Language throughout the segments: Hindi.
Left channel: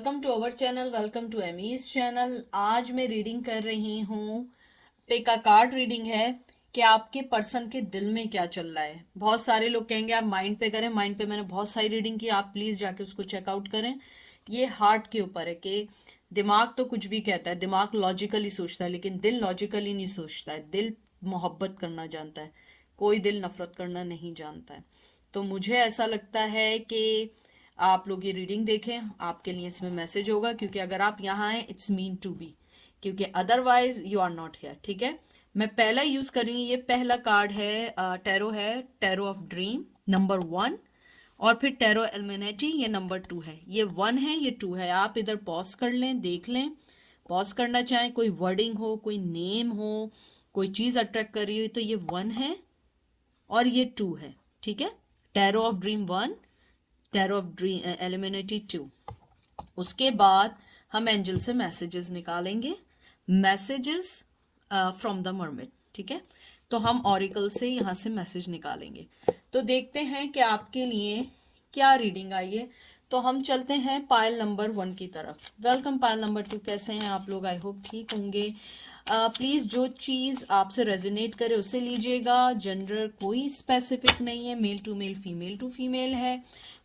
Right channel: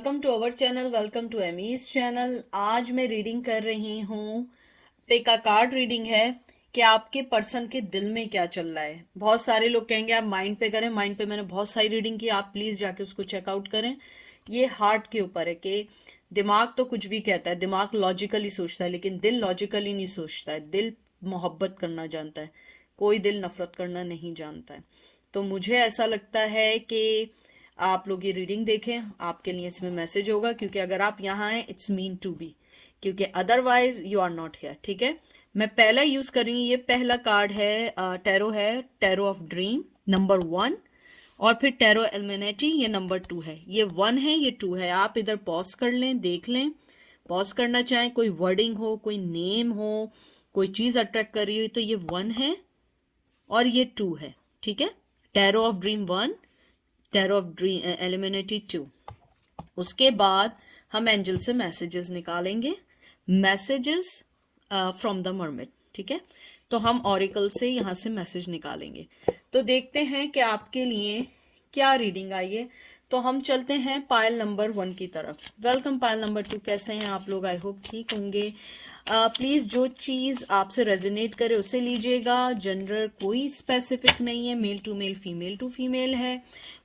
Welcome to our channel, welcome to Amy's channel. आज मैं रीडिंग कर रही हूँ। पिक अ कार्ड रीडिंग है कि आपके पर्सन के दिल में क्या चल रहा है। बहुत सारे लोग कहेंगे आप माइंड पे करें, माइंड पे मैंने बहुत सारी रीडिंग की, आप प्लीज़ जाके उसको चेकआउट करें। ये हार्ट के ऊपर है कि दिमाग तो कुछ भी कहता है, दिमाग लॉजिकली सोचता है लेकिन दिल लॉजिकली नहीं सोचता है। दिल मोहब्बत करना जानता है, कोई दिल नफरत करना नहीं जानता है। तो मुझे ऐसा लगता है कि आप लोग ये रीडिंग देखें, आपके लिए इसमें मैसेज होगा, क्योंकि अगर आप यहाँ आए इट्स मीन टू बी, क्योंकि otherwise you are not here. ठीक है, मैं पहला यूज़ कर रही हूँ। ये पहला कार्ड है, टैरो है, टैरो ऑफ ड्रीम नंबर 1। और फिर टैरो एल्मेनेटी, ये नंबर 2 है। ये 1 है, ये 2 है। आप इधर पॉज कर लें, देख लें। पॉज करना चाहें, कोई वर्डिंग हो, कोई नेम हो, कोई चीज़ अट्रैक्ट कर रही हो, तो ये 1 है और ये 2 है। ठीक है, tarot of dream 1, tarot of dream eliminated 2। उसके बाद हम एंजल से मैसेजेस निकालेंगे, मैसेजेस फ्रॉम द मर्मेड। ठीक है, तो हम ऑरिकल से यहाँ से मैसेज निकालेंगे। तो देखते हैं कि आपके लिए क्या रीडिंग आई है। तो हम चलते हैं पायल नंबर 1 की तरफ। वेलकम पायल नंबर 2, कैसे हैं आप लोग? आई होप ठीक होंगे। प्लीज़ जो चीज़ आपसे रेजोनेट करे उसे लीजिएगा। जेंडर कोई स्पेसिफिक नहीं है, मेल टू फीमेल है।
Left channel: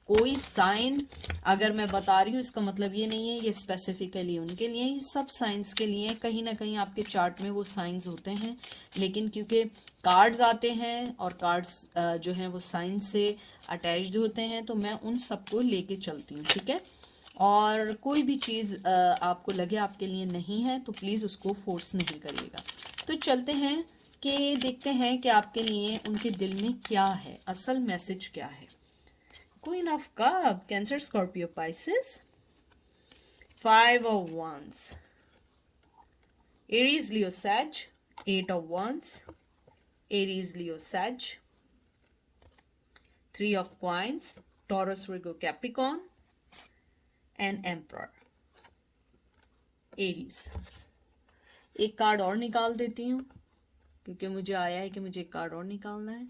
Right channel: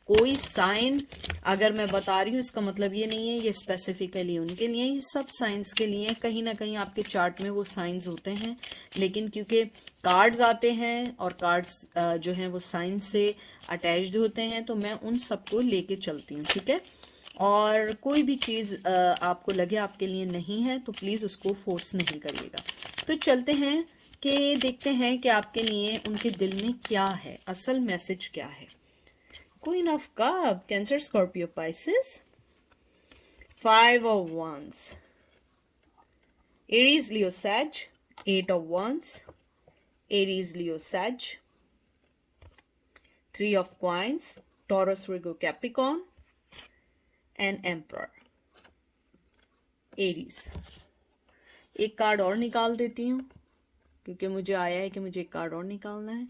कोई साइन अगर मैं बता रही हूँ इसका मतलब ये नहीं है ये स्पेसिफिकली उनके लिए, ये सब साइंस के लिए। कहीं ना कहीं आपके चार्ट में वो साइंस होते हैं, लेकिन क्योंकि कार्ड्स आते हैं और कार्ड्स जो हैं वो साइंस से अटैच्ड होते हैं, तो मैं उन सबको लेके चलती हूँ। ठीक है, और कोई भी चीज़ आपको लगे आपके लिए नहीं है तो प्लीज़ उसको फोर्स नहीं करिएगा। तो चलते हैं कि देखते हैं कि आपके लिए उनके दिल में क्या है, असल मैसेज क्या है। Queen of Cup, Cancer, Scorpio, Pisces. Five of Wands, Aries, Leo, Sag. Eight of Wands, Aries, Leo, Sag. Three of Coins, Taurus, Virgo, Capricorn. And Emperor, Aries. एक कार्ड और निकाल देती हूँ, क्योंकि मुझे आया है कि मुझे एक कार्ड और निकालना है,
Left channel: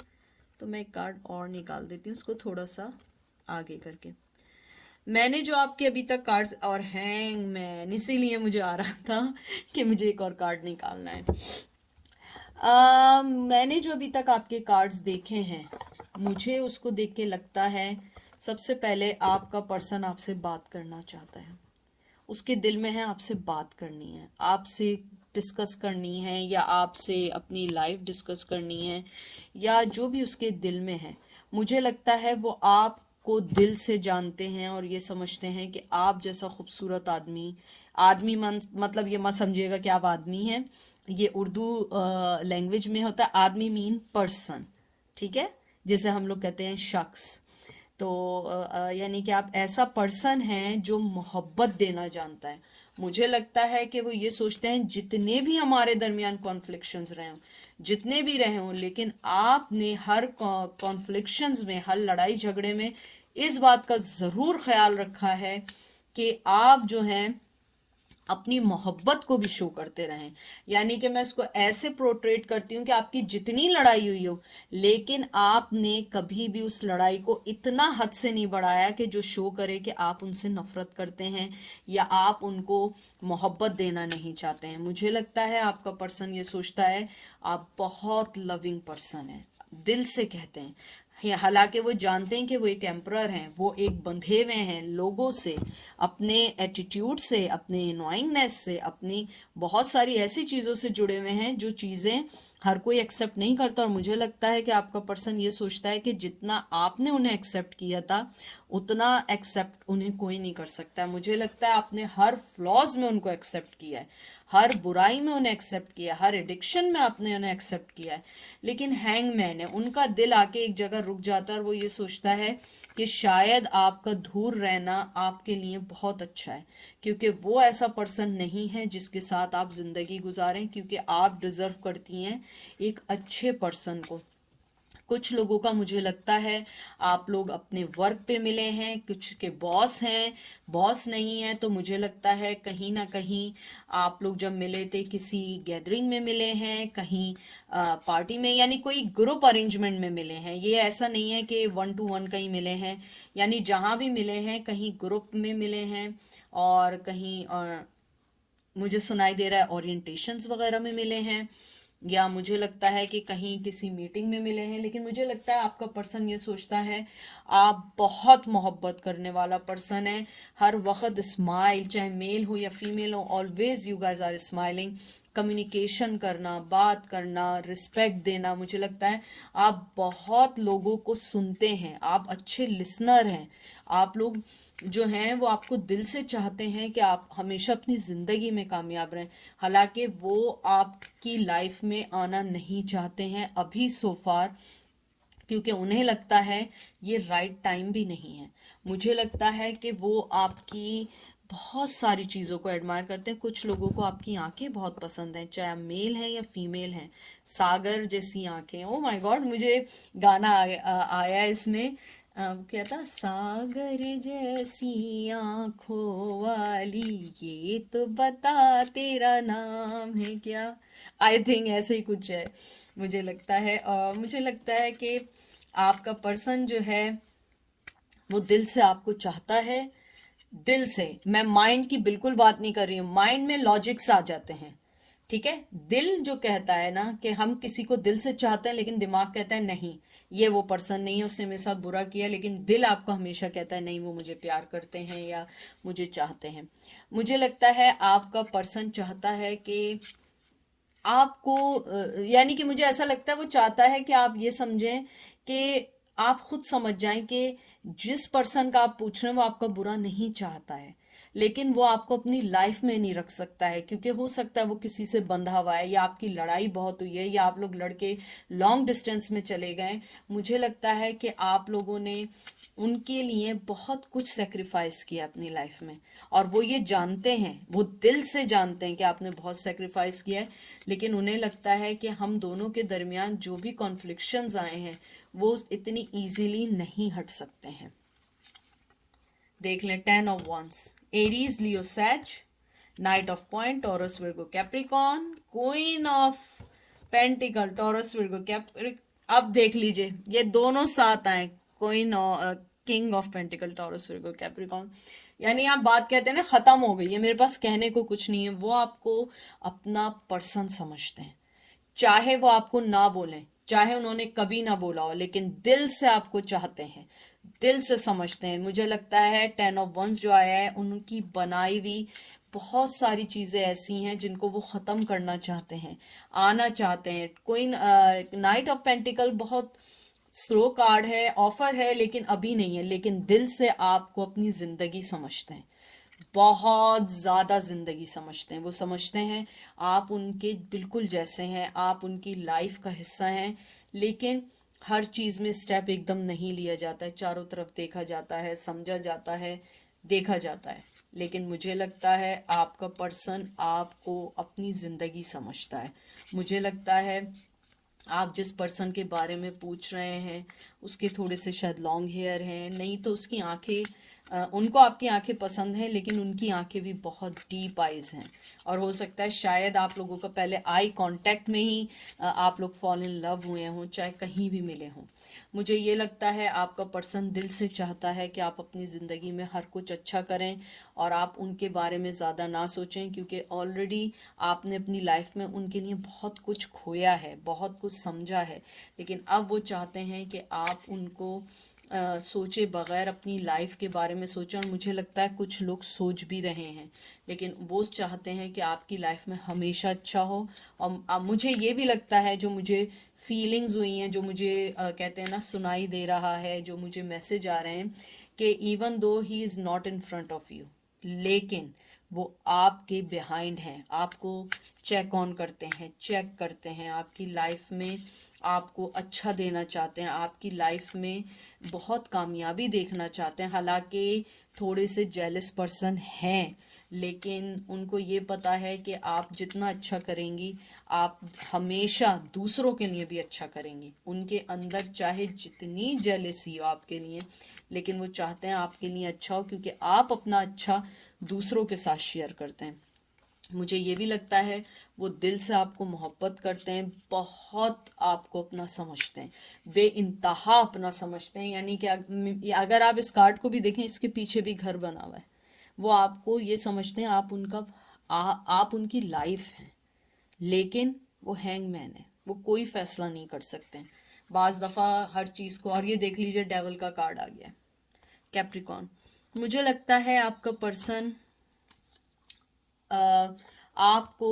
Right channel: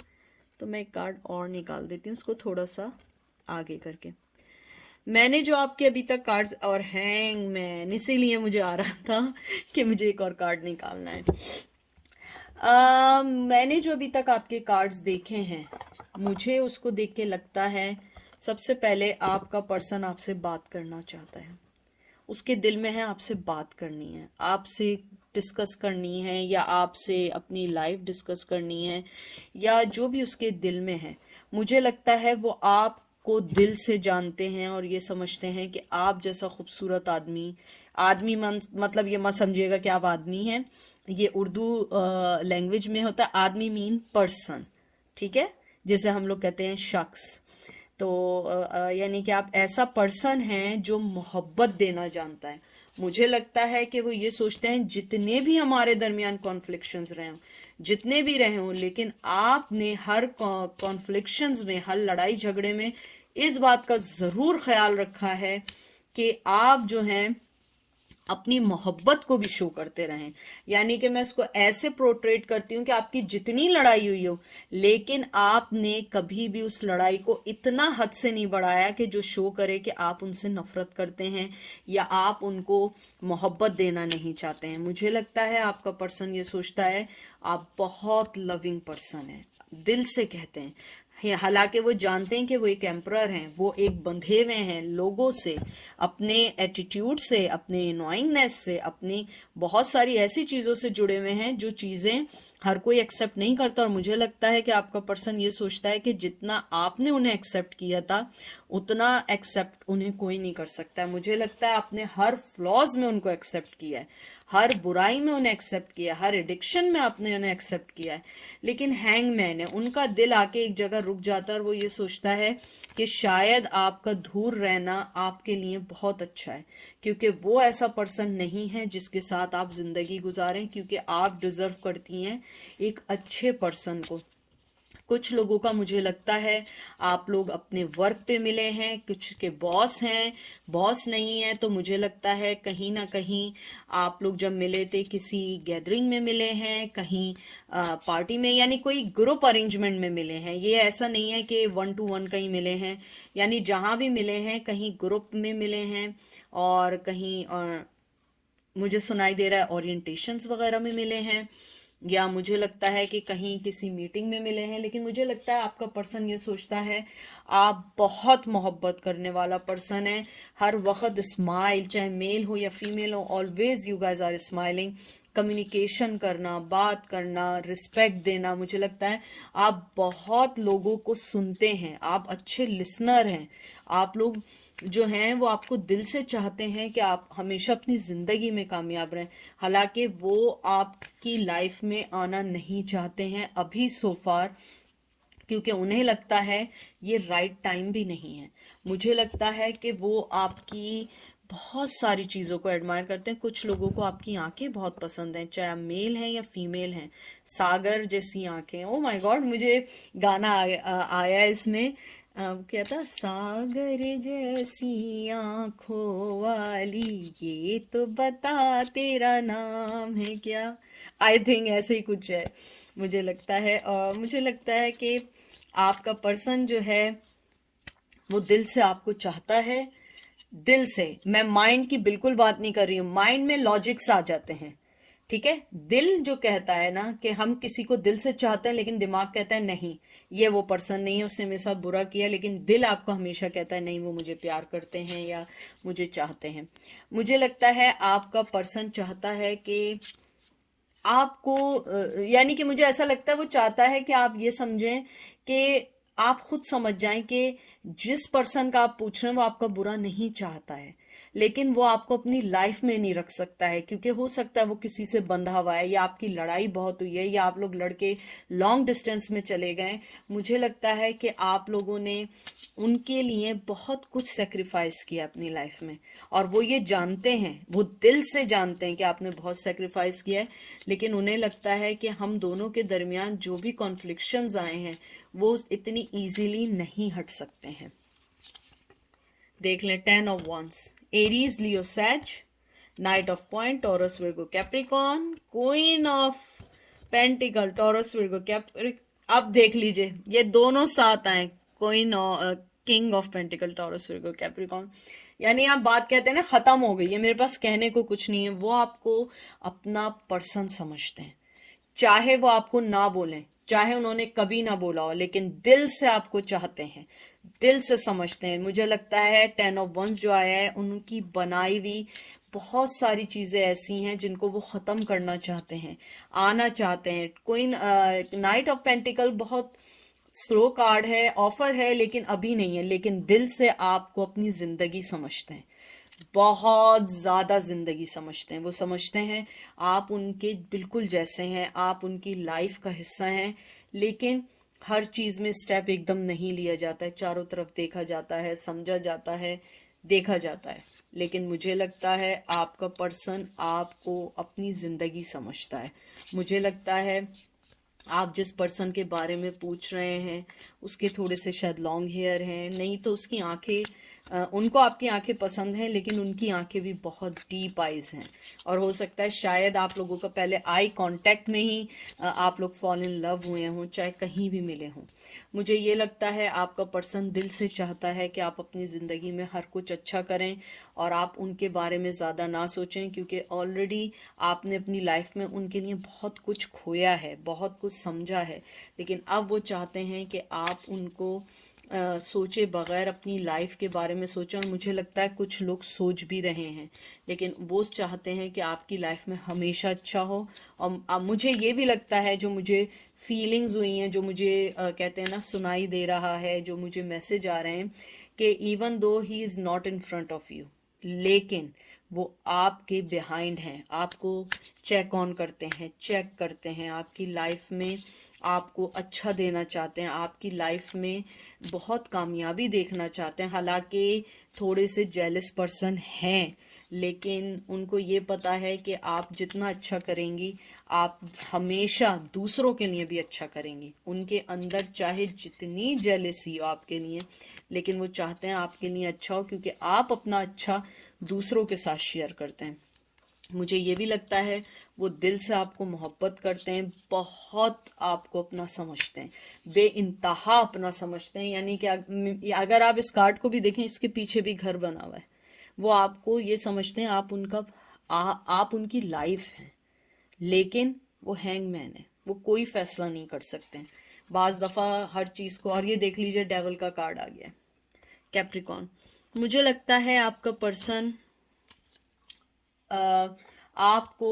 तो मैं एक कार्ड और निकाल देती हूँ, उसको थोड़ा सा आगे करके। मैंने जो आपके अभी तक कार्ड्स और हैंगमैन, इसीलिए मुझे आ रहा था कि मुझे एक और कार्ड निकालना है। मैंने जो अभी तक आपके कार्ड्स देखे हैं, मुझे उसको देख के लगता है सबसे पहले आपका पर्सन आपसे बात करना चाहता है। उसके दिल में है आपसे बात करनी है, आपसे डिस्कस करनी है, या आपसे अपनी लाइफ डिस्कस करनी है, या जो भी उसके दिल में है। मुझे लगता है वो आपको दिल से जानते हैं और ये समझते हैं कि आप जैसा खूबसूरत आदमी, आदमी मतलब ये मत समझिएगा कि आप आदमी हैं। ये उर्दू लैंग्वेज में होता है, आदमी मीन पर्सन। ठीक है, जैसे हम लोग कहते हैं शख्स। तो यानी कि आप ऐसा पर्सन हैं जो मोहब्बत देना जानता है। मुझे लगता है कि वो ये सोचते हैं जितने भी हमारे दरमियान कॉन्फ्लिक्शंस रहे हों, जितने भी रहे हों, लेकिन आपने हर कॉन्फ्लिक्शंस में, हर लड़ाई झगड़े में इस बात का ज़रूर ख्याल रखा है कि आप जो हैं अपनी मोहब्बत को भी शो करते रहें। यानी कि मैं इसको ऐसे प्रोट्रेट करती हूँ कि आपकी जितनी लड़ाई हुई हो, लेकिन आपने कभी भी उस लड़ाई को इतना हद से नहीं बढ़ाया कि जो शो करे कि आप उनसे नफरत करते हैं या आप उनको मोहब्बत देना नहीं चाहते हैं। मुझे लगता है आपका पर्सन ये सोचता है आप बहुत लविंग पर्सन हैं, दिल से कहते हैं। हालांकि वो जानते हैं कि वो एक एम्परर हैं, वो एक बंधे हुए हैं लोगों से, अपने एटीट्यूड से, अपने एनोइंगनेस से, अपनी बहुत सारी ऐसी चीज़ों से जुड़े हुए हैं जो चीज़ें हर कोई एक्सेप्ट नहीं करता। और मुझे लगता है कि आपका पर्सन ये सोचता है कि जितना आपने उन्हें एक्सेप्ट किया था उतना एक्सेप्ट उन्हें कोई नहीं कर सकता है। मुझे लगता है आपने हर फ्लॉज में उनको एक्सेप्ट किया है, हर बुराई में उन्हें एक्सेप्ट किया है, हर एडिक्शन में आपने उन्हें एक्सेप्ट किया है। लेकिन हैंगमैन है, उनका दिल आके एक जगह रुक जाता है और वो ये सोचता है कि शायद आपका दूर रहना आपके लिए बहुत अच्छा है, क्योंकि वो ऐसा पर्सन नहीं है जिसके साथ आप ज़िंदगी गुजारें, क्योंकि आप डिज़र्व करती हैं एक अच्छे पर्सन को। कुछ लोगों का मुझे लगता है आप लोग अपने वर्क पे मिले हैं, कुछ के बॉस हैं, बॉस नहीं है, तो मुझे लगता है कहीं ना कहीं आप लोग जब मिले थे किसी गैदरिंग में मिले हैं, कहीं पार्टी में, यानी कोई ग्रुप अरेंजमेंट में मिले हैं। ये ऐसा नहीं है कि वन टू वन कहीं मिले हैं, यानी जहाँ भी मिले हैं कहीं ग्रुप में मिले हैं, और कहीं मुझे सुनाई दे रहा है ओरिएंटेशंस वगैरह में मिले हैं, या मुझे लगता है कि कहीं किसी मीटिंग में मिले हैं। लेकिन मुझे लगता है आपका पर्सन ये सोचता है आप बहुत मोहब्बत करने वाला पर्सन है, हर वक्त स्माइल, चाहे मेल हो या फीमेल हो, always you guys are smiling. Communication करना, बात करना, रिस्पेक्ट देना, मुझे लगता है आप बहुत लोगों को सुनते हैं, आप अच्छे लिसनर हैं। आप लोग जो हैं वो आपको दिल से चाहते हैं कि आप हमेशा अपनी ज़िंदगी में कामयाब रहें। हालांकि वो आपकी लाइफ में आना नहीं चाहते हैं अभी सो फार, क्योंकि उन्हें लगता है ये राइट टाइम भी नहीं है। मुझे लगता है कि वो आपकी बहुत सारी चीज़ों को एडमायर करते हैं। कुछ लोगों को आपकी आंखें बहुत पसंद हैं, चाहे आप मेल हैं या फीमेल हैं। सागर जैसी आंखें, ओ माय गॉड, मुझे गाना आया है इसमें, क्या था, सागर जैसी आंखों वाली, ये तो बता तेरा नाम है क्या। आई थिंक ऐसे ही कुछ है, मुझे लगता है। और मुझे लगता है कि आपका पर्सन जो है वो दिल से आपको चाहता है, दिल से। मैं माइंड की बिल्कुल बात नहीं कर रही हूँ, माइंड में लॉजिक्स आ जाते हैं, ठीक है। दिल जो कहता है ना कि हम किसी को दिल से चाहते हैं, लेकिन दिमाग कहता है नहीं, ये वो पर्सन नहीं है, उसने मेरे साथ बुरा किया, लेकिन दिल आपको हमेशा कहता है नहीं, वो मुझे प्यार करते हैं या मुझे चाहते हैं। मुझे लगता है आपका पर्सन चाहता है कि आपको यानी कि मुझे ऐसा लगता है वो चाहता है कि आप ये समझें कि आप खुद समझ जाएं कि जिस पर्सन का आप पूछ रहे हैं वो आपका बुरा नहीं चाहता है, लेकिन वो आपको अपनी लाइफ में नहीं रख सकता है, क्योंकि हो सकता है वो किसी से बंधा हुआ है, या आपकी लड़ाई बहुत हुई है, या आप लोग लड़के लॉन्ग डिस्टेंस में चले गए। मुझे लगता है कि आप लोगों ने उनके लिए बहुत कुछ सेक्रीफाइस किया अपनी लाइफ में, और वो ये जानते हैं, वो दिल से जानते हैं कि आपने बहुत सेक्रीफाइस किया है। लेकिन उन्हें लगता है कि हम दोनों के दरमियान जो भी कॉन्फ्लिक्शंस आए हैं वो इतनी इजीली नहीं हट सकते हैं। देख लें, 10 of wands, Aries Leo Sag, knight of coin Taurus Virgo Capricorn, queen of pentacle Taurus Virgo Capricorn. अब देख लीजिए ये दोनों साथ आए, क्वीन और king of pentacle Taurus Virgo Capricorn. यानी आप बात कहते हैं ना खत्म हो गई है, मेरे पास कहने को कुछ नहीं है। वो आपको अपना पर्सन समझते हैं, चाहे वो आपको ना बोलें, चाहे उन्होंने कभी ना बोला हो, लेकिन दिल से आपको चाहते हैं, दिल से समझते हैं। मुझे लगता है 10 ऑफ वंस जो आया है उनकी बनाई हुई बहुत सारी चीज़ें ऐसी हैं जिनको वो ख़त्म करना चाहते हैं, आना चाहते हैं। कोई नाइट ऑफ पेंटिकल बहुत स्लो कार्ड है, ऑफर है, लेकिन अभी नहीं है, लेकिन दिल से आपको अपनी ज़िंदगी समझते हैं, बहुत ज़्यादा ज़िंदगी समझते हैं। वो समझते हैं आप उनके बिल्कुल जैसे हैं, आप उनकी लाइफ का हिस्सा हैं। लेकिन हर चीज़ में स्टेप एकदम नहीं लिया जाता है, चारों तरफ देखा जाता है, समझा जाता है, देखा जाता है। लेकिन मुझे लगता है आपका पर्सन आपको अपनी ज़िंदगी समझता है। मुझे लगता है आप जिस पर्सन के बारे में पूछ रहे हैं उसके थोड़े से शायद लॉन्ग हेयर हैं, नहीं तो उसकी आंखें, उनको आपकी आंखें पसंद हैं, लेकिन उनकी आंखें भी बहुत डीप आइज हैं। और हो सकता है शायद आप लोगों का पहले आई कांटेक्ट में ही आप लोग फॉल इन लव हुए हों, चाहे कहीं भी मिले हों। मुझे ये लगता है आपका पर्सन दिल से चाहता है कि आप अपनी ज़िंदगी में हर कुछ अच्छा करें, और आप उनके बारे में ज़्यादा ना सोचें, क्योंकि ऑलरेडी आपने अपनी लाइफ में उनके लिए बहुत कुछ खोया है, बहुत कुछ समझा है। लेकिन अब वो चाहते हैं कि आप उनको सोचे बगैर अपनी लाइफ के बारे में सोचें। और मुझे लगता है कुछ लोग सोच भी रहे हैं, लेकिन वो चाहते हैं कि आपकी लाइफ में हमेशा अच्छा हो। और मुझे ये भी लगता है, जो मुझे फीलिंग्स हुई हैं, जो मुझे कहते हैं ना सुनाई दे रहा है, जो मुझे मैसेज आ रहे हैं कि even though he is not in front of you, लेकिन वो आपके बिहाइंड हैं, आपको चेक ऑन करते हैं, चेक करते हैं आपकी लाइफ में, आपको अच्छा देना चाहते हैं, आपकी लाइफ में बहुत कामयाबी देखना चाहते हैं। हालांकि थोड़े से जेलस पर्सन हैं, लेकिन उनको ये पता है कि आप जितना अच्छा करेंगी आप हमेशा दूसरों के लिए भी अच्छा करेंगी। उनके अंदर चाहे जितनी जेलसी हो आपके लिए, लेकिन वो चाहते हैं आपके लिए अच्छा हो, क्योंकि आप अपना अच्छा दूसरों के साथ शेयर करते हैं। मुझे ये भी लगता है वो दिल से आपको मोहब्बत करते हैं, बहुत आपको अपना समझते हैं, बेइंतहा अपना समझते हैं। यानी कि अगर आप इस कार्ड को भी देखें, इसके पीछे भी घर बना हुआ है। वो आपको ये समझते हैं आप उनका आप उनकी लाइफ हैं, लेकिन वो हैंगमैन है, वो कोई फैसला नहीं कर सकते हैं बाज दफ़ा हर चीज़ को। और ये देख लीजिए डेवल का कार्ड आ गया है, कैप्रिकॉर्न। मुझे लगता है आपका पर्सन आपको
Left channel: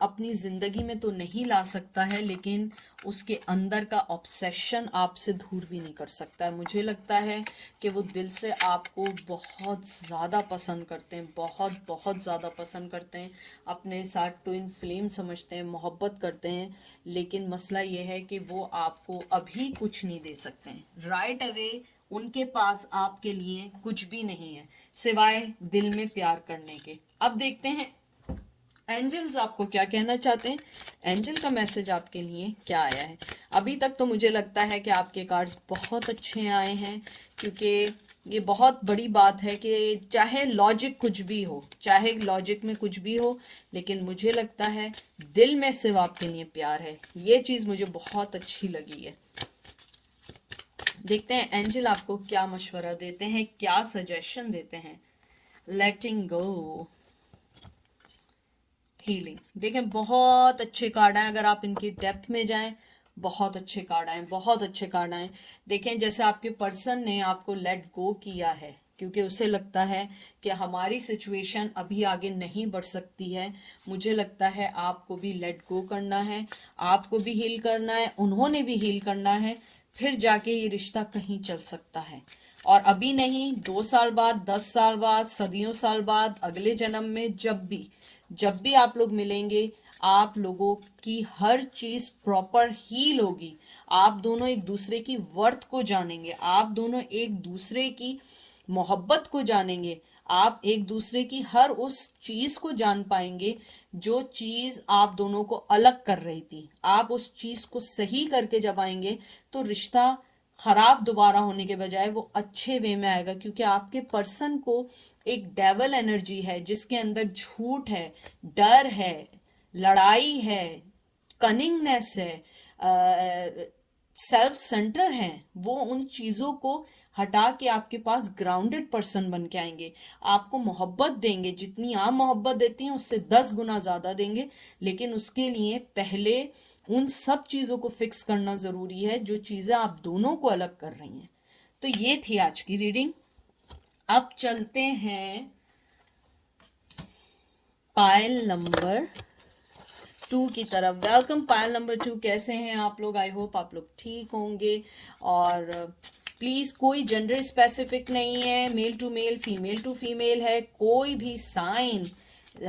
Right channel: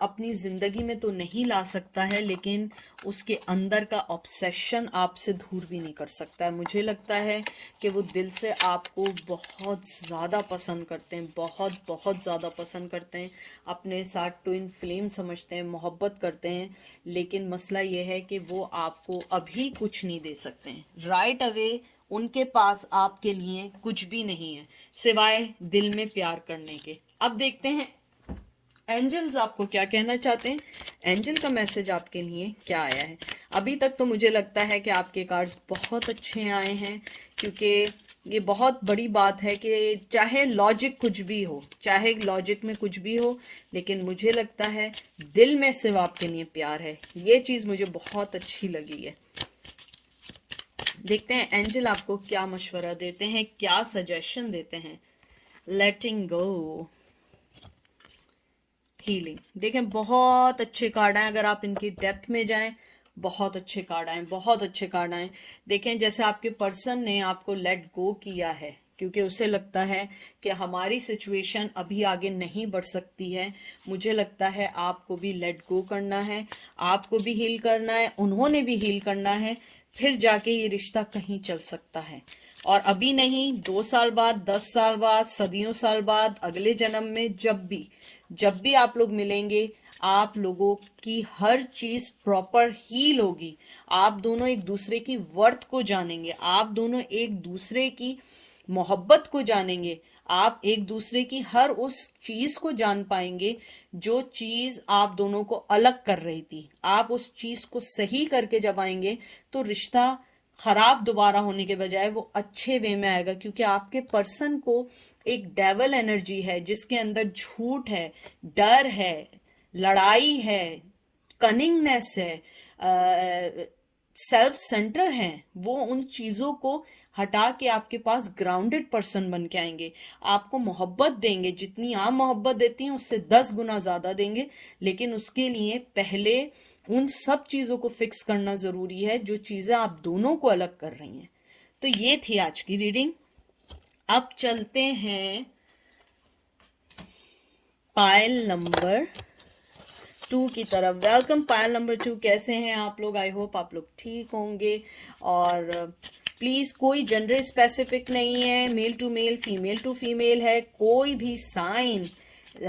अपनी ज़िंदगी में तो नहीं ला सकता है, लेकिन उसके अंदर का ऑब्सेशन आपसे दूर भी नहीं कर सकता है। मुझे लगता है कि वो दिल से आपको बहुत ज़्यादा पसंद करते हैं, बहुत बहुत ज़्यादा पसंद करते हैं, अपने साथ ट्विन फ्लेम समझते हैं, मोहब्बत करते हैं। लेकिन मसला ये है कि वो आपको अभी कुछ नहीं दे सकते हैं। राइट अवे उनके पास आपके लिए कुछ भी नहीं है सिवाय दिल में प्यार करने के। अब देखते हैं एंजल्स आपको क्या कहना चाहते हैं, एंजल का मैसेज आपके लिए क्या आया है। अभी तक तो मुझे लगता है कि आपके कार्ड्स बहुत अच्छे आए हैं, क्योंकि ये बहुत बड़ी बात है कि चाहे लॉजिक कुछ भी हो, चाहे लॉजिक में कुछ भी हो, लेकिन मुझे लगता है दिल में सिर्फ आपके लिए प्यार है। ये चीज़ मुझे बहुत अच्छी लगी है। देखते हैं एंजल आपको क्या मशवरा देते हैं, क्या सजेशन देते हैं। लेटिंग गो, हीलिंग। देखें बहुत अच्छे कार्ड आए, अगर आप इनकी डेप्थ में जाएं बहुत अच्छे कार्ड आए, बहुत अच्छे कार्ड आए। देखें जैसे आपके पर्सन ने आपको लेट गो किया है, क्योंकि उसे लगता है कि हमारी सिचुएशन अभी आगे नहीं बढ़ सकती है। मुझे लगता है आपको भी लेट गो करना है, आपको भी हील करना है, उन्होंने भी हील करना है, फिर जाके ये रिश्ता कहीं चल सकता है। और अभी नहीं, 2 साल बाद, 10 साल बाद, सदियों साल बाद, अगले जन्म में, जब भी आप लोग मिलेंगे, आप लोगों की हर चीज प्रॉपर हील होगी। आप दोनों एक दूसरे की वर्थ को जानेंगे, आप दोनों एक दूसरे की मोहब्बत को जानेंगे, आप एक दूसरे की हर उस चीज को जान पाएंगे जो चीज आप दोनों को अलग कर रही थी। आप उस चीज को सही करके जब आएंगे तो रिश्ता खराब दोबारा होने के बजाय वो अच्छे वे में आएगा, क्योंकि आपके पर्सन को एक डेवल एनर्जी है जिसके अंदर झूठ है, डर है, लड़ाई है, कनिंगनेस है, सेल्फ सेंटर है। वो उन चीज़ों को हटा के आपके पास ग्राउंडेड पर्सन बन के आएंगे, आपको मोहब्बत देंगे, जितनी आप मोहब्बत देती हैं उससे 10 गुना ज़्यादा देंगे। लेकिन उसके लिए पहले उन सब चीज़ों को फिक्स करना ज़रूरी है जो चीज़ें आप दोनों को अलग कर रही हैं। तो ये थी आज की रीडिंग। अब चलते हैं पायल नंबर 2 की तरफ। वेलकम पायल नंबर 2, कैसे हैं आप लोग? आई होप आप लोग ठीक होंगे। और प्लीज़ कोई जेंडर स्पेसिफिक नहीं है, male to male, female to female है, कोई भी साइन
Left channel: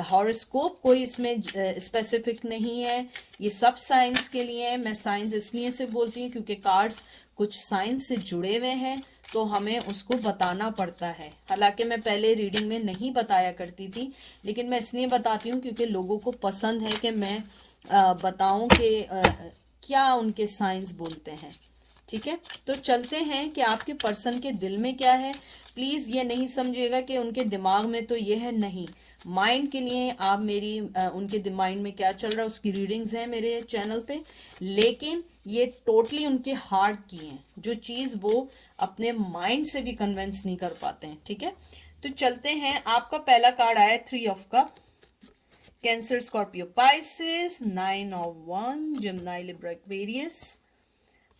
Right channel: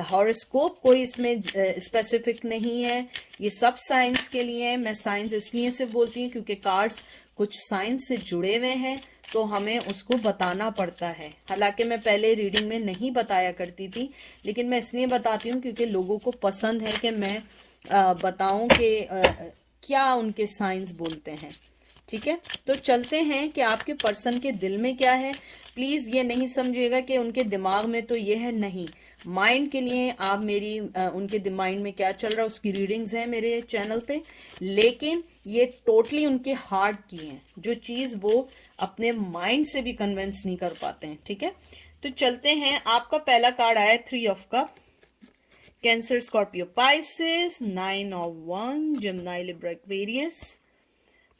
हॉरोस्कोप कोई इसमें स्पेसिफिक नहीं है। ये सब साइंस के लिए है। मैं साइंस इसलिए से बोलती हूँ क्योंकि कार्ड्स कुछ साइंस से जुड़े हुए हैं, तो हमें उसको बताना पड़ता है। हालांकि मैं पहले रीडिंग में नहीं बताया करती थी, लेकिन मैं इसलिए बताती हूँ क्योंकि लोगों को पसंद है कि मैं बताऊँ कि क्या उनके साइंस बोलते हैं। ठीक है, तो चलते हैं कि आपके पर्सन के दिल में क्या है। प्लीज़ ये नहीं समझिएगा कि उनके दिमाग में तो ये है, नहीं। माइंड के लिए आप मेरी उनके माइंड में क्या चल रहा है उसकी रीडिंग्स हैं मेरे चैनल पे, लेकिन ये टोटली उनके हार्ट की हैं, जो चीज़ वो अपने माइंड से भी कन्विंस नहीं कर पाते हैं। ठीक है, तो चलते हैं। आपका पहला कार्ड आया 3 of cup, cancer, Scorpio, Pisces, 9 of one, Gemini, Libra, Aquarius,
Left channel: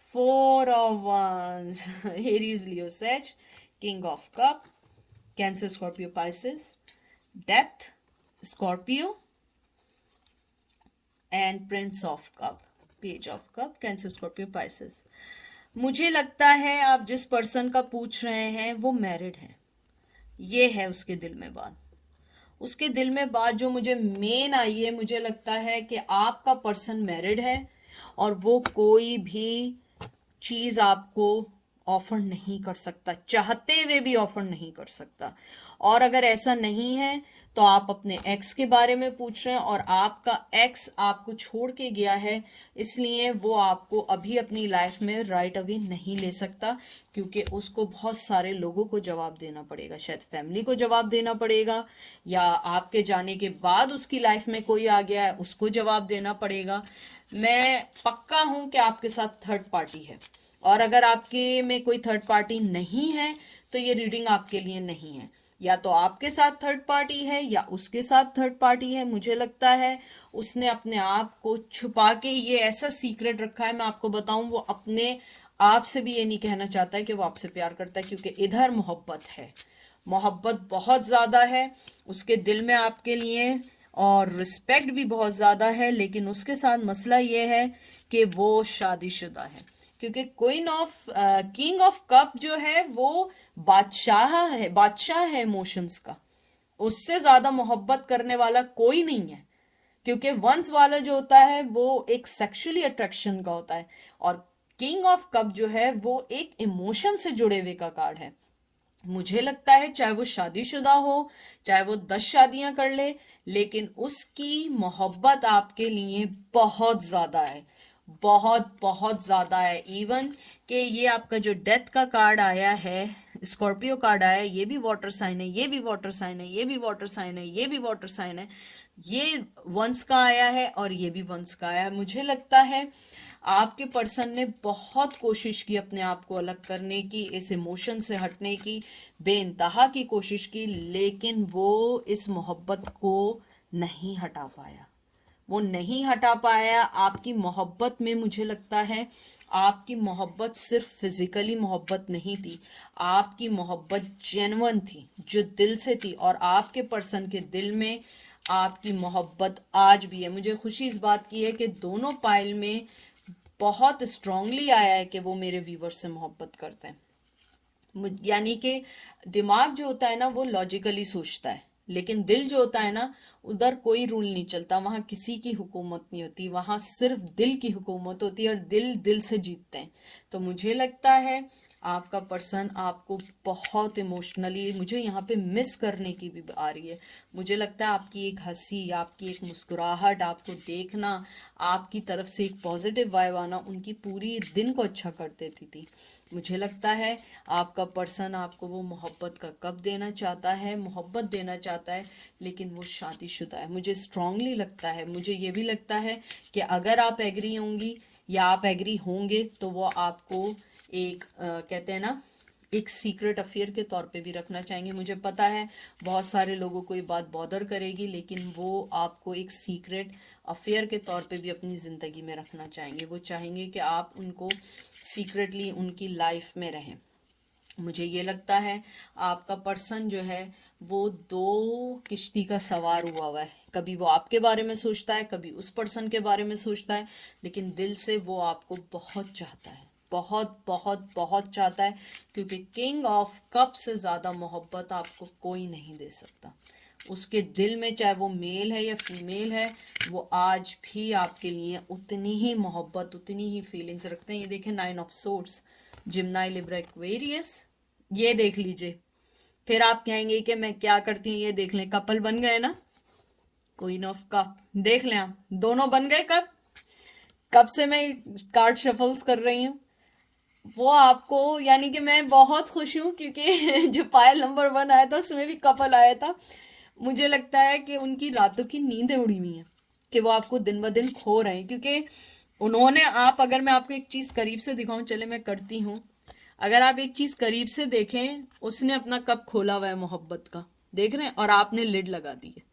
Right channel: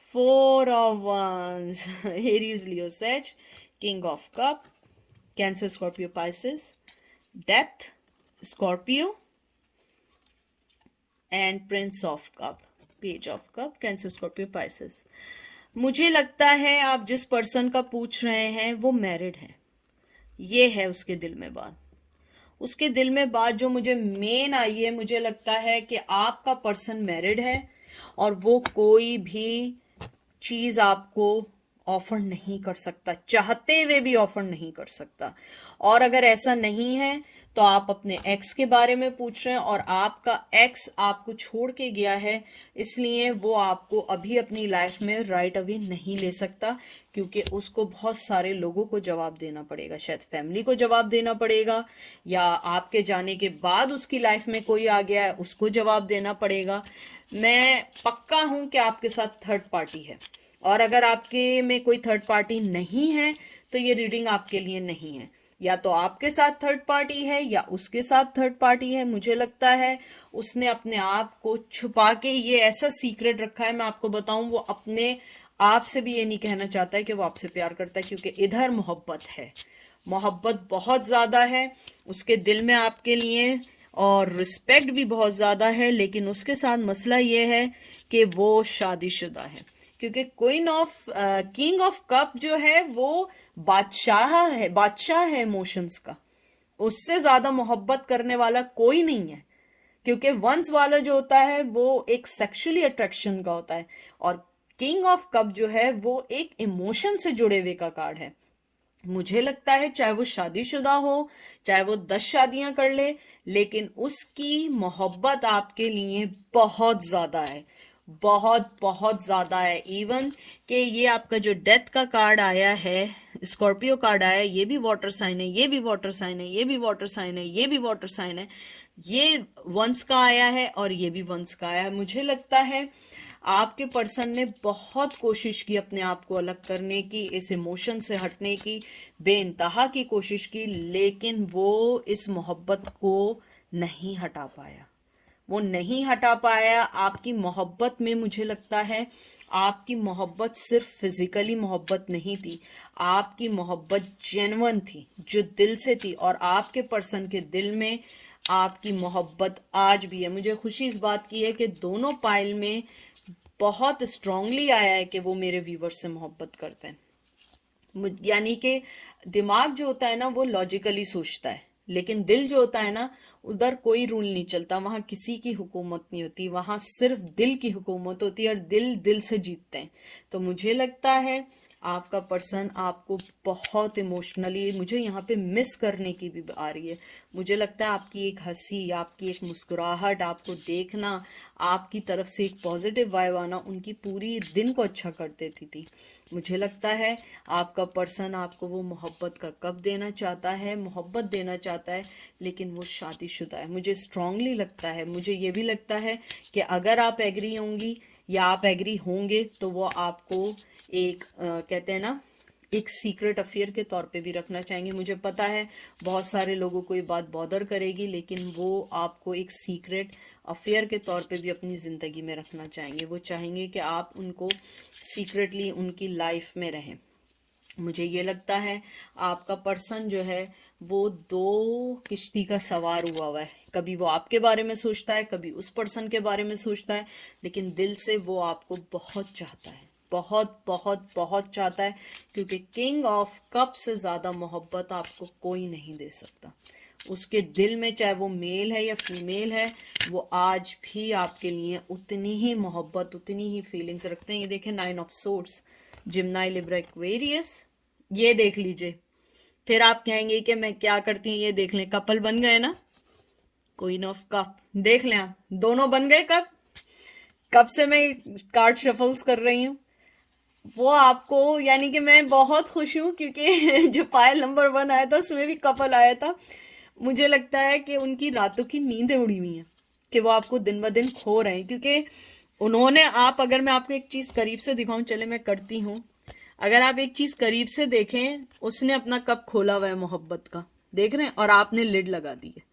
4 of Wands, Aries, Leo, Sag, King of Cup, Cancer, Scorpio, Pisces, Death, Scorpio, and Prince of Cup, Page of Cup, Cancer, Scorpio, Pisces. मुझे लगता है आप जिस पर्सन का पूछ रहे हैं वो मैरिड है। ये है उसके दिल में बात। उसके दिल में बात जो मुझे मेन आई है, मुझे लगता है कि आपका पर्सन मैरिड है और वो कोई भी चीज़ आपको ऑफर नहीं कर सकता, चाहते हुए भी ऑफर नहीं कर सकता। और अगर ऐसा नहीं है तो आप अपने एक्स के बारे में पूछ रहे हैं और आपका एक्स आपको छोड़ के गया है, इसलिए वो आपको अभी अपनी लाइफ में राइट अवे नहीं ले सकता, क्योंकि उसको बहुत सारे लोगों को जवाब देना पड़ेगा। शायद फैमिली को जवाब देना पड़ेगा, या आपके जाने के बाद उसकी लाइफ में कोई आ गया है उसको जवाब देना पड़ेगा। मैं पक्का हूं कि आपके साथ थर्ड पार्टी है, और अगर आपके में कोई थर्ड पार्टी नहीं है तो ये रीडिंग आपके लिए नहीं है। या तो आपके साथ थर्ड पार्टी है या उसके साथ थर्ड पार्टी है। मुझे लगता है उसने अपने आप को छुपा के ये ऐसा सीक्रेट रखा है, मैं आपको बताऊं, वो अपने आप से भी ये नहीं कहना चाहता है कि वो आपसे प्यार करता है, क्योंकि इधर मोहब्बत है, मोहब्बत बहुत ज़्यादा है उसके दिल में आपके लिए, और रिस्पेक्ट भी बहुत ज़्यादा है। लेकिन उसके साथ मसला ये है कि वो शादीशुदा है, क्योंकि किंग ऑफ कप जो है वो बादशाह है इमोशंस का। उससे ज़्यादा मोहब्बत करने वाला कोई नहीं है, क्योंकि वंस वाला जो होता है वो एक सेक्सुअली अट्रैक्शन का होता है, और किंग ऑफ कप जो है वो एक इमोशन से जुड़े हुए का कार्ड है। मुझे लगता है चाहे वो शादीशुदा हो, चाहे वो 10 शादियां कर ले, लेकिन उसकी मोहब्बत आपके लिए बहुत ज़्यादा है, बहुत बहुत ज़्यादा है। इवन कि ये आपका जो डेथ का कार्ड आया है, स्कॉर्पियो कार्ड आया है, ये भी वाटर साइन है, ये भी वाटर साइन है, ये भी वाटर साइन है, ये भी वाटर साइन है, ये वंस का आया है और ये भी वंस का आया है। मुझे लगता है आपके पर्सन ने बहुत कोशिश की अपने आप को अलग करने की, इस इमोशन से हटने की, बेइंतहा की कोशिश की, लेकिन वो इस मोहब्बत को नहीं हटा पाया, वो नहीं हटा पाया। आपकी मोहब्बत में मुझे लगता है आपकी मोहब्बत सिर्फ फिजिकली मोहब्बत नहीं थी, आपकी मोहब्बत जेन्युइन थी, जो दिल से थी, और आपके पर्सन के दिल में आपकी मोहब्बत आज भी है। मुझे खुशी इस बात की है कि दोनों पाइल में बहुत स्ट्रांगली आया है कि वो मेरे व्यूवर से मोहब्बत करते हैं। यानी कि दिमाग जो होता है ना वो लॉजिकली सोचता है, लेकिन दिल जो होता है ना उधर कोई रूल नहीं चलता, वहाँ किसी की हुकूमत नहीं होती, वहाँ सिर्फ दिल की हुकूमत होती है, और दिल दिल से जीतते हैं। तो मुझे लगता है आपका पर्सन आपको बहुत इमोशनली, मुझे यहाँ पे मिस करने की भी आ रही है। मुझे लगता है आपकी एक हंसी, आपकी एक मुस्कुराहट, आपको देखना, आपकी तरफ से एक पॉजिटिव वाइब आना उनकी पूरी दिन को अच्छा कर देती थी। मुझे लगता है आपका पर्सन आपको वो मोहब्बत का कप देना चाहता है, मोहब्बत देना चाहता है, लेकिन वो शादीशुदा है। मुझे स्ट्रांगली लगता है, मुझे ये भी लगता है कि अगर आप एग्री होंगी या आप एग्री होंगे तो वो आपको एक कहते हैं ना एक सीक्रेट अफेयर के तौर पे भी रखना चाहेंगे। मुझे पता है बहुत सारे लोगों को ये बात बॉदर करेगी, लेकिन वो आपको एक सीक्रेट अफेयर के तौर पे भी अपनी ज़िंदगी में रखना चाहेंगे। वो चाहेंगे कि आप उनको सीक्रेटली उनकी लाइफ में रहें। मुझे ये लगता है आपका पर्सन जो है वो दो किश्ती का सवार हुआ है, कभी वो आपके बारे में सोचता है, कभी उस पर्सन के बारे में सोचता है, लेकिन दिल से वो आपको बहुत चाहता है, बहुत बहुत बहुत चाहता है, क्योंकि किंग ऑफ कप से ज़्यादा मोहब्बत आपको कोई नहीं दे सकता। उसके दिल में चाहे वो मेल है या फीमेल है, वो आज भी आपके लिए उतनी ही मोहब्बत, उतनी ही फीलिंग्स रखते हैं। ये देखें, 9 ऑफ सोर्ड्स, जिम्नाई, लिब्रा, एक्वेरियस, ये देख लीजिए। फिर आप कहेंगे कि मैं क्या करती हूँ, ये देख लें, कपल बन गए ना, क्वीन ऑफ कप देख लें आप, दोनों बन गए। कब से मैं कार्ड शफल्स कर रही हूँ, वो आपको, यानी कि मैं बहुत खुश हूँ, क्योंकि जो पायल नंबर 1 आया था उसमें भी कपल आया था। मुझे लगता है कि उनकी रातों की नींदें उड़ी हुई हैं, कि वो आपको दिन ब दिन खो रहे हैं, क्योंकि उन्होंने, आप, अगर मैं आपको एक चीज़ करीब से दिखाऊं, चले मैं करती हूँ, अगर आप एक चीज़ करीब से देखें, उसने अपना कप खोला हुआ है मोहब्बत का, देख रहे हैं, और आपने लिड लगा दी है,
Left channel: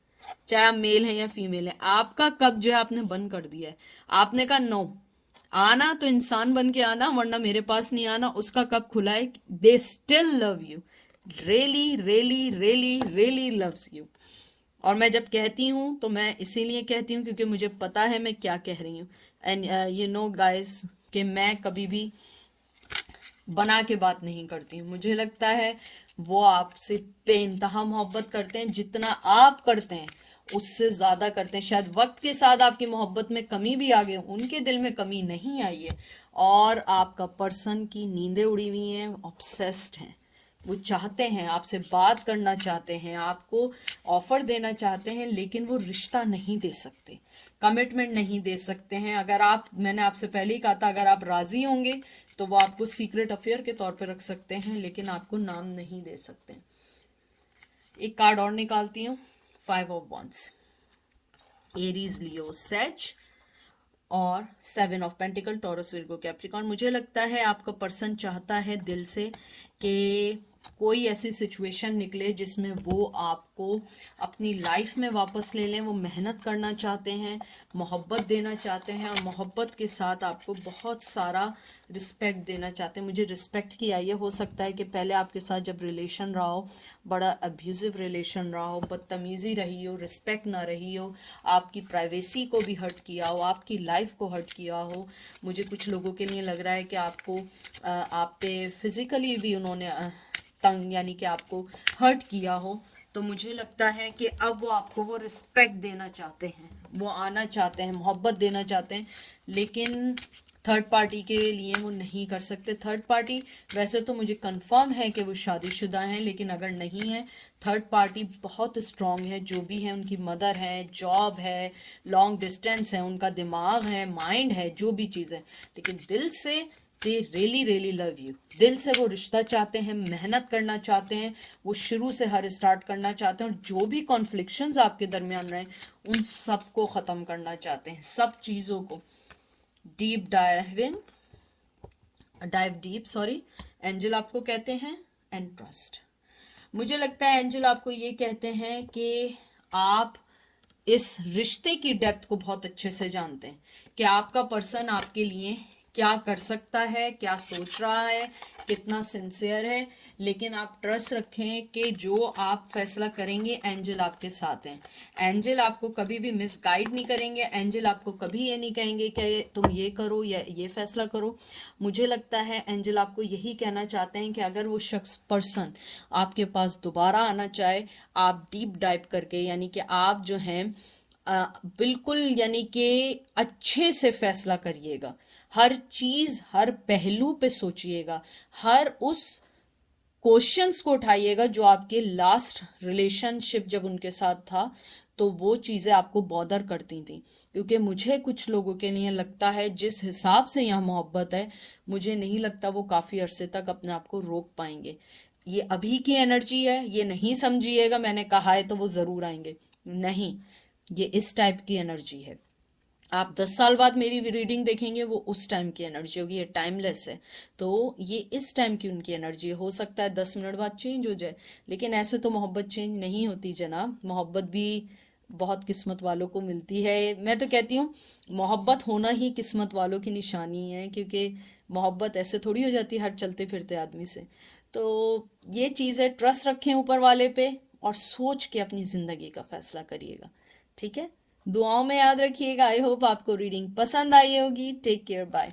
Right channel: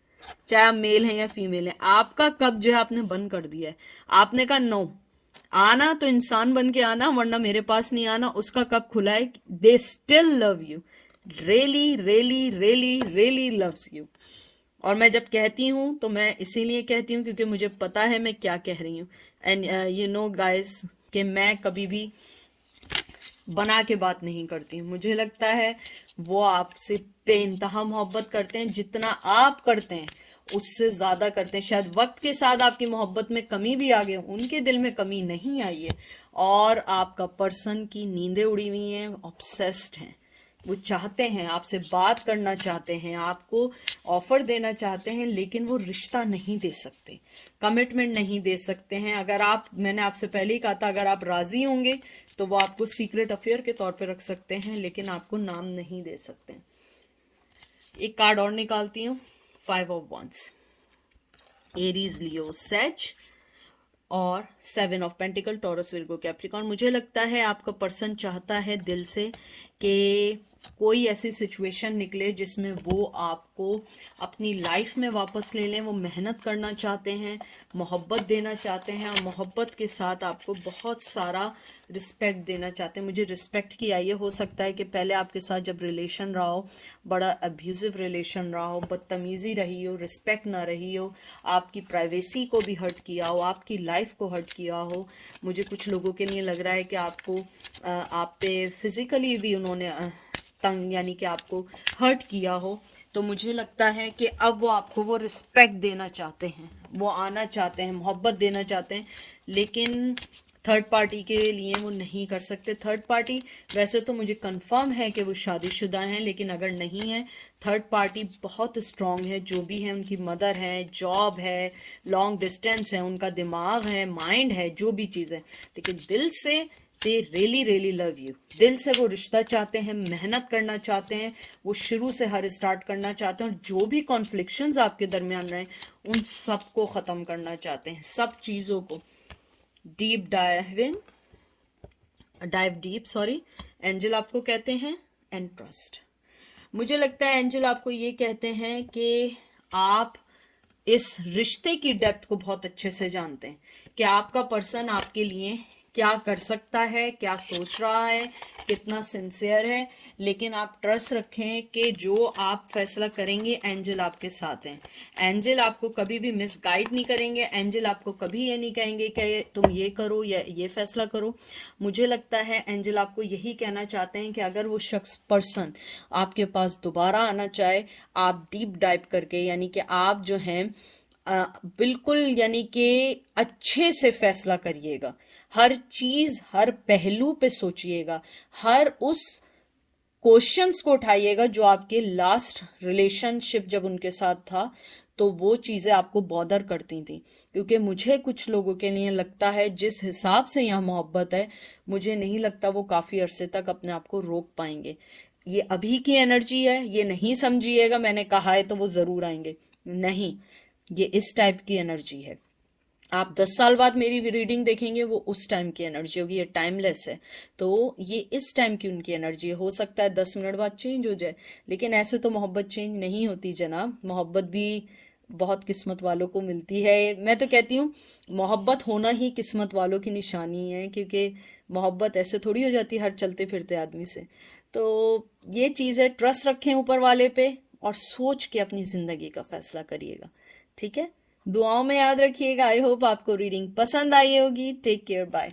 चाहे आप मेल हैं या फीमेल हैं, आपका कप जो है आपने बंद कर दिया है। आपने कहा नो, आना तो इंसान बन के आना, वरना मेरे पास नहीं आना। उसका कप खुला है, they still love you, really really really really loves you. और मैं जब कहती हूँ तो मैं इसीलिए कहती हूँ क्योंकि मुझे पता है मैं क्या कह रही हूँ। एंड यू नो गाइस कि मैं कभी भी बना के बात नहीं करती हूँ। मुझे लगता है वो आपसे बेइंतहा मोहब्बत करते हैं, जितना आप करते हैं उससे ज़्यादा करते हैं। शायद वक्त के साथ आपकी मोहब्बत में कमी भी आ गई, उनके दिल में कमी नहीं आई है, और आपका पर्सन की नींदें उड़ी हुई हैं, ऑब्सेस्ड हैं, वो चाहते हैं, आपसे बात करना चाहते हैं, आपको ऑफर देना चाहते हैं, लेकिन वो रिश्ता नहीं दे सकते, कमिटमेंट नहीं दे सकते हैं। अगर आप, मैंने आपसे पहले ही कहा था, अगर आप राजी होंगे तो वो आपको सीक्रेट अफेयर के तौर पे रख सकते हैं, लेकिन आपको नाम नहीं दे सकते। एक कार्ड और निकालती हूँ, 5 of wands, Aries, Leo, sage और 7 of pentacle, Taurus, Virgo, Capricorn. मुझे लगता है आपका पर्सन चाहता है दिल से कि कोई ऐसी सिचुएशन निकले जिसमें वो आपको अपनी लाइफ में वापस ले लें। वो मेहनत करना चाहते हैं, मोहब्बत देना चाहते हैं, और मोहब्बत के साथ आपको बहुत सारा रिस्पेक्ट देना चाहते हैं। मुझे रिस्पेक्ट की आई है, हो सकता है कि पहले आपके साथ जब रिलेशन रहा हो, बड़ा अब्यूज़िव रिलेशन रहा हो, बदतमीज़ी रही हो, रिस्पेक्ट ना रही हो, आपकी प्राइवेसी को भी हर्ट किया हो, आपकी लाइफ को हर्ट किया हो। मुझे कुछ लोगों के लिए लग रहा है कि आपको आप पे फिज़िकली भी उन्होंने तंग, यानी कि आपको हर्ट किया हो। तो मुझे लगता है कि अब वो आपको वो रिस्पेक्ट देना चाहते हैं, वो आना चाहते हैं, मोहब्बत देना चाहते हैं, लेकिन थर्ड पार्टी के लिए वो नहीं कर सकते। थर्ड पार्टी, वैसे तो मुझे कंफर्म है कि वो शादीशुदा हैं, लेकिन अगर नहीं है, थर्ड पार्टी बहुत स्ट्रांग है, जो भी है, उनकी मदर है, जॉब है, लॉन्ग डिस्टेंस है, उनका दिमाग है, माइंड है, जो भी चीज़ है, लेकिन दिल से they really really love you. दिल से वो रिश्ता चाहते हैं, मेहनत करना चाहते हैं, वो शुरू से हर स्टार्ट करना चाहते हैं, और जो भी कॉन्फ्लिक्शंस आपके दरमियान रहे उन सबको ख़त्म करना चाहते हैं, सब चीज़ों को। Deep dive deep, sorry, angel आपको कहते हैं, एंड ट्रस्ट। मुझे लगता है एंजल आपको ये कहते हैं कि आप इस रिश्ते की डेप्थ को बहुत अच्छे से जानते हैं कि आपका पर्सन आपके लिए क्या कर सकता है, क्या सोच रहा है, कितना सिंसियर है, लेकिन आप ट्रस्ट रखें कि जो आप फैसला करेंगे, एंजल आपके साथ हैं। एंजल आपको कभी भी मिसगाइड नहीं करेंगे, एंजल आपको कभी ये नहीं कहेंगे कि तुम ये करो या ये फैसला करो। मुझे लगता है एंजल आपको यही कहना चाहते हैं कि अगर वो शख्स, पर्सन आपके पास दोबारा आना चाहे, आप डीप डाइव करके, यानी कि आप जो हैं बिल्कुल, यानी कि अच्छे से फैसला करिएगा, हर चीज़, हर पहलू पे सोचिएगा, हर उस क्वेश्चंस को उठाइएगा जो आपके लास्ट रिलेशनशिप जब उनके साथ था तो वो चीज़ें आपको बॉदर करती थी। क्योंकि मुझे कुछ लोगों के लिए लगता है जिस हिसाब से यहाँ मोहब्बत है, मुझे नहीं लगता वो काफ़ी अरसे तक अपने आप को रोक पाएंगे। ये अभी की एनर्जी है, ये नहीं समझिएगा मैंने कहा है तो वो ज़रूर आएंगे, नहीं, ये इस टाइप की एनर्जी है। आप 10 साल बाद मेरी रीडिंग देखेंगे, वो उस टाइम की एनर्जी होगी, ये टाइमलेस है। तो ये इस टाइम की उनकी एनर्जी है। हो सकता है 10 मिनट बाद चेंज हो जाए, लेकिन ऐसे तो मोहब्बत चेंज नहीं होती जनाब। मोहब्बत भी बहुत किस्मत वालों को मिलती है। मैं तो कहती हूँ मोहब्बत होना ही किस्मत वालों की निशानी है, क्योंकि मोहब्बत ऐसे थोड़ी हो जाती है हर चलते फिरते आदमी से। तो ये चीज़ है, ट्रस्ट रखें ऊपर वाले पे और सोच के अपनी ज़िंदगी का फैसला करिएगा, ठीक है। दुआओं में याद रखिएगा। आई होप आपको रीडिंग पसंद आई होगी। Take care, bye.